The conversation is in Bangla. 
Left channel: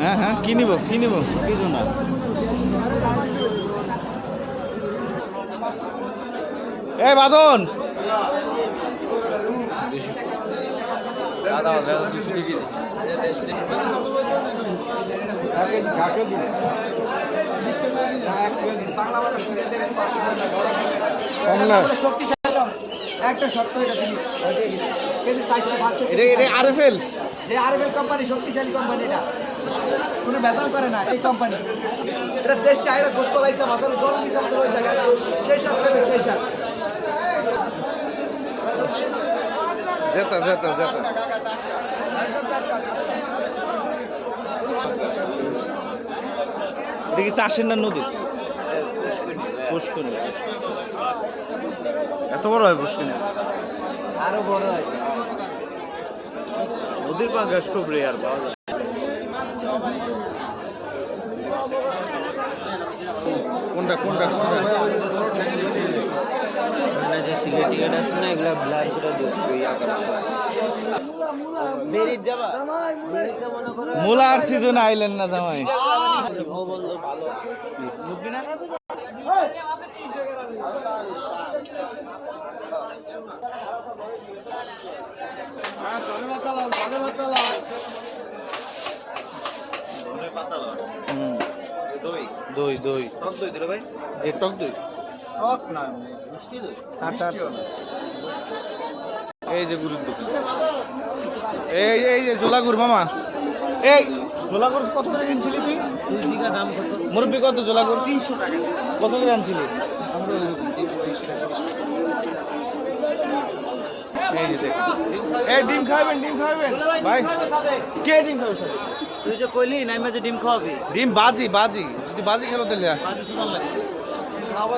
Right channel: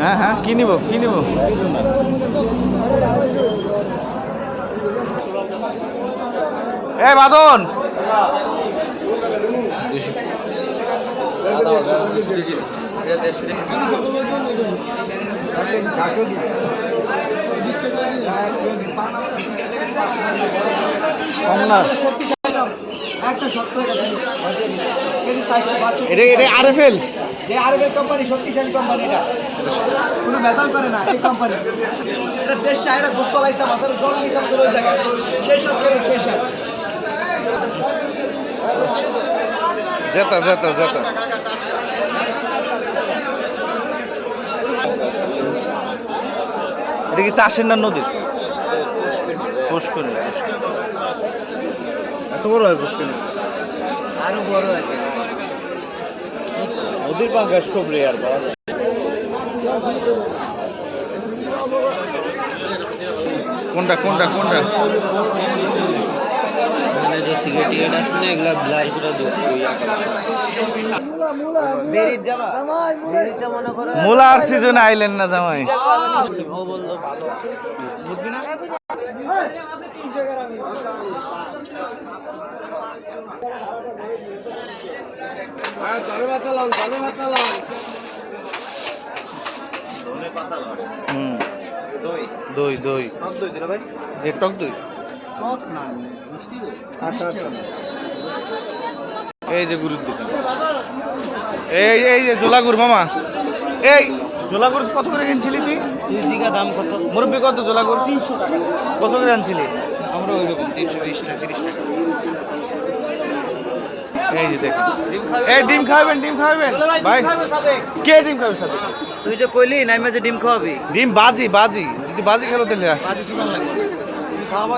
হ্যাঁ হ্যাঁ, কি নিব কি নিব? এই বাদন কমলা একটা সত্য আরএফএল যে আরবের কোম্পানি, শক্তিশালী কোম্পানি, এটা কোনো মেটাল করে না এই কোম্পানি। এটা দেশ চায়, এটা গোস্ত লাইসা মাথার গরম হিসাব করে থাকে, সেই সাথ করে সেই সাথ। জেতা জেতা জেতা এটা কি চাষের না নদীর? পুষ্করী। এত বড় হয় পুষ্করী? আরো বড় হয়। নদীর পাঙ্গাস খুব রেয়ার পাওয়া যায়। কোনটা কোনটা কোনটা? মানে যে সিগারেট টিকেট আছে না, এগুলা ব্লার করে দিও ওই আকারে। বেরিত যাবা, বেরিতে মনে করো মুলার সিজনে আইলেন না জামাই? ও বললো ভালো বুঝবি না। দই দই দই টক দই দিলে ভাই, এ টক দই। টক না মিষ্টি দই। এই যে গুরুর দোকান, এই এই যে জোলাগুর মামা। এই জোলাগুর কত করে কিনছিলি তুই? দুই দিঘা দাম কত? মুরব্বি কত জোলাগুর? 300 টাকা। কত করে আনছিলি? আমরা ওই রকম 320 টাকা 30 টাকা। এই যে দেখ, এই ডিম খাবেন ডিম খাবেন ভাই? কে ডিম খাবে সাথে? তুই যে কইলি নাইমা যে ডিম খাওয়াবি, ডিম বাজি বাজি, যদি বাজি খেলো তাহলে আস। বাজে সুদান লাগে খাওয়াবা।